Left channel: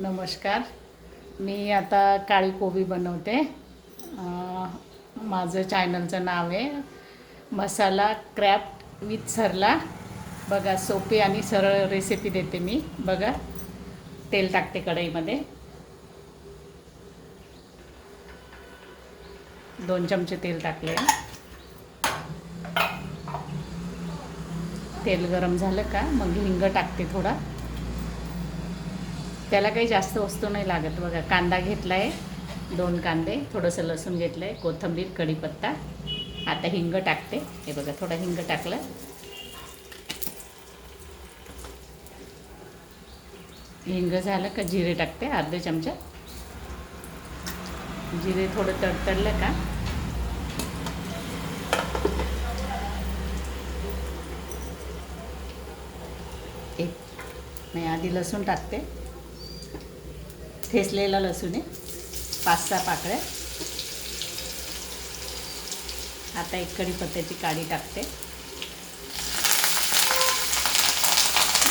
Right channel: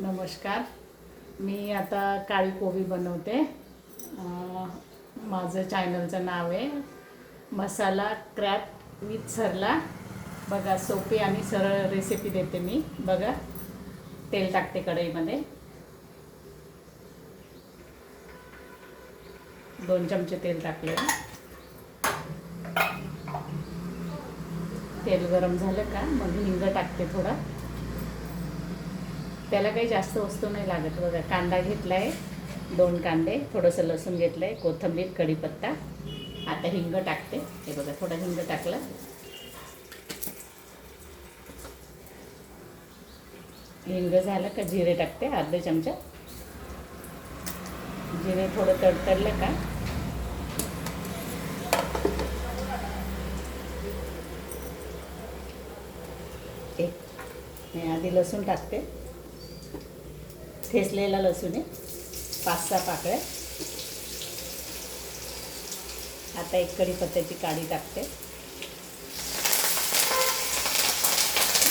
नमस्कार. मी आता काळी कोबी बनवते. माझं चॅनलचं नाव आहे मसाला क्रॅफ्ट विथ सरला. बघा, सोपी आणि सरळ रेसिपी देते मी. बघा, तेल टाकते कढईमध्ये. 2 चमचे तेल टाकले. तेल गरम झालं का मग हिंग टाकते थोडा. त्याला काही जास्त वस्तू नाही लागत. बघा, कांदा घेतला आहे, 2 कांदे, थोडंसं लसूण घेतलं आहे, कोथिंबीर, कढीपत्ता. आता हिंग टाकते. हे बघा, थोडा हिंग टाकला. हिंग झालं का जिरे टाकते, अर्धा चमचा. जिरे थोडं तडतडलं का मी आधी लसूण टाकते. ठेचलेला लसूण आहे, 5-6 पाकळ्या. आता एक कढीपत्त्याची काडी टाकते.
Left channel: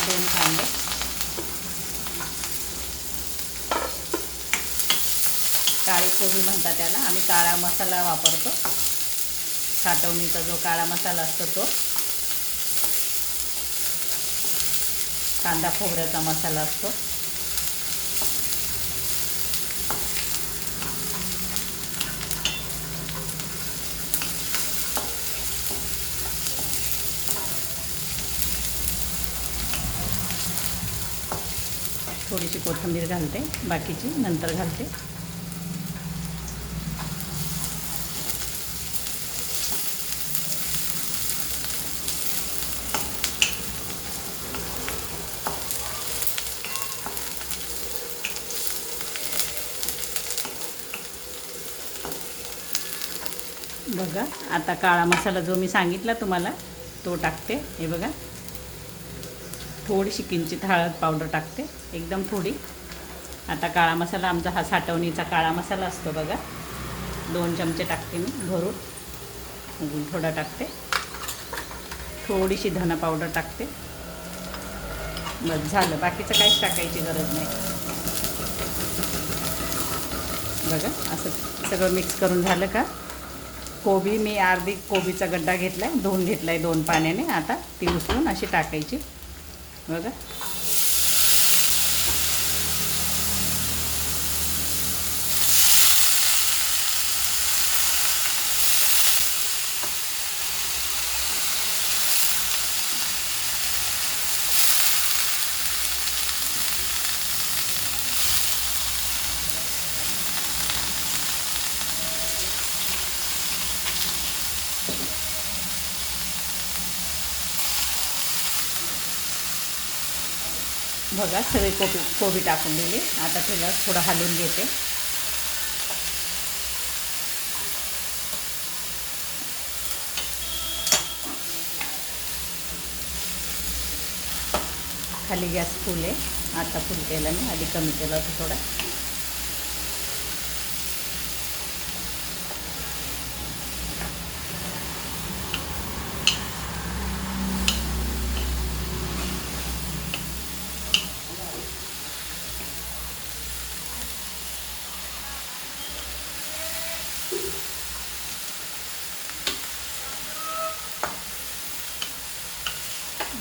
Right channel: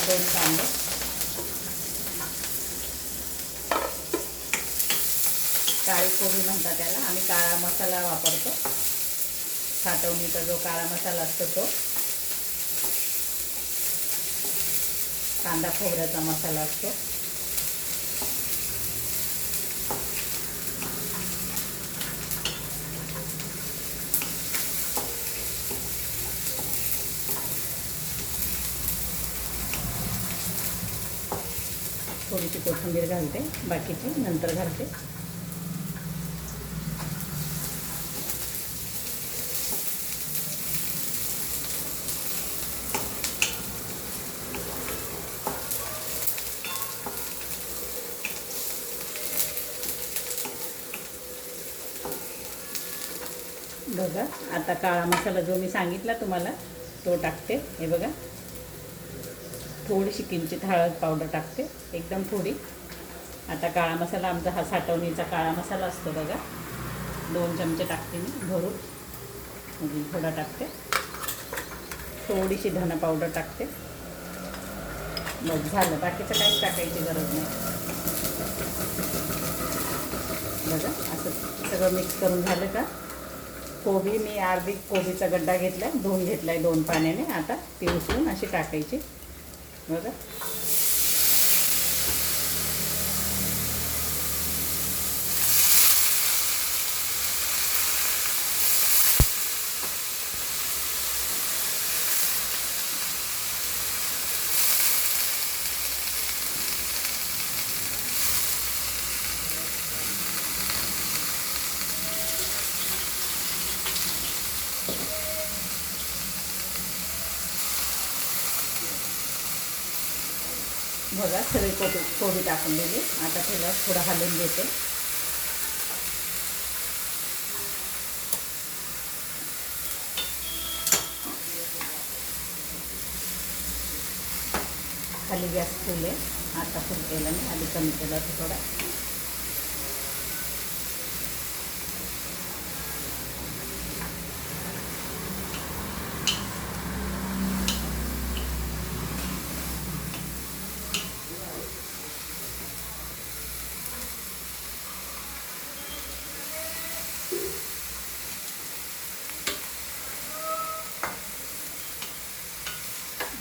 2 कांदे. काळी कोबी म्हणतात त्याला. आम्ही काळा मसाला वापरतो. साठवणीचा जो काळा मसाला असतो तो. कांदा खोबऱ्याचा मसाला असतो. थोडीशी कोथिंबीर घालते, बाकीची नंतर घालते. बघा, आता काळा मसाला जो मी सांगितला तुम्हाला तो टाकते. हे बघा, थोडीशी किंचित हळद पावडर टाकते, एकदम थोडी. आता काळा मसाला आमचा हा साठवणीचा काळा मसाला असतो बघा. 2 चमचे टाकते मी भरून. अजून थोडा टाकते. थोडीशी धना पावडर टाकते. बस झालं, बाकीचं काहीच टाकायची गरज नाही. बघा, असं सगळं मिक्स करून झालं का कोबी, मी अर्धी कोबीचा गड्डा घेतला आहे, धुवून घेतला आहे 2 पाण्याने. आता ती उचलून अशी टाकायची. बघा, बघा सगळी कोबी टाकून दिली. आता तिला थोडं हलवून घेते. खाली गॅस फुल आहे. आता फुल केला नाही, आधी कमी केला होता थोडा.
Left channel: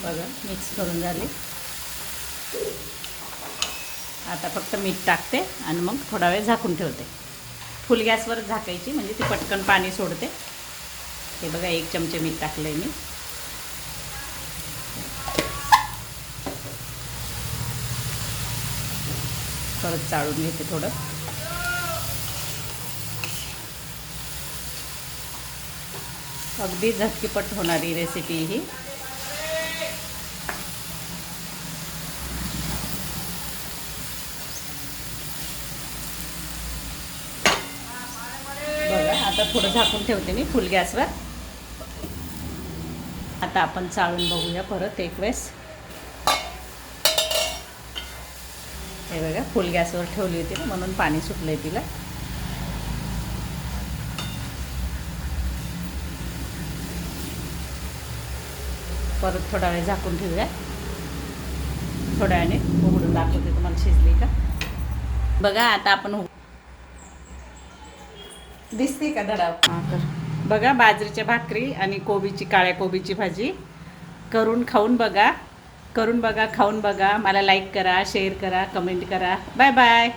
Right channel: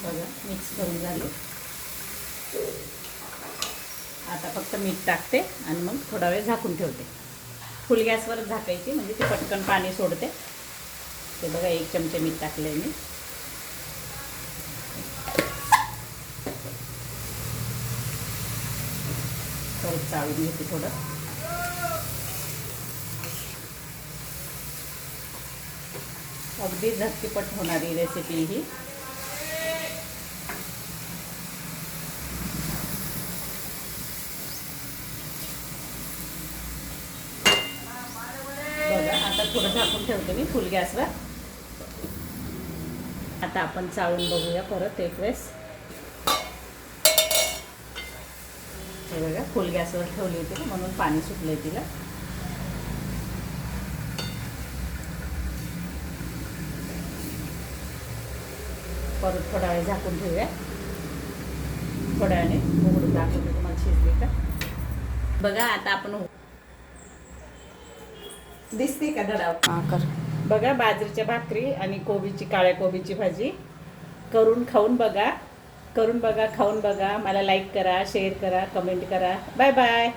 बघा, मिक्स करून झाली. आता फक्त मीठ टाकते आणि मग थोडा वेळ झाकून ठेवते. फुल गॅसवर झाकायची, म्हणजे ती पटकन पाणी सोडते. हे बघा, 1 चमचे मीठ टाकले मी. परत चाळून घेते थोडं. अगदी झटकीपट होणारी रेसिपी ही. बघा, आता थोडं झाकून ठेवते मी फुल गॅसवर. आता आपण चाळून बघूया परत एक वेळेस. हे बघा, फुल गॅसवर ठेवली होती म्हणून पाणी सुटलंय तिला. परत थोडा वेळ झाकून ठेवूया. थोड्या वेळाने उघडून दाखवते तुम्हाला शिजली का. बघा आता आपण दिसते का धडा कर. बघा बाजरीच्या भाकरी आणि कोबीची काळ्या कोबीची भाजी करून खाऊन बघा, खाऊन बघा. मला लाईक करा, शेअर करा, कमेंट करा. Bye bye.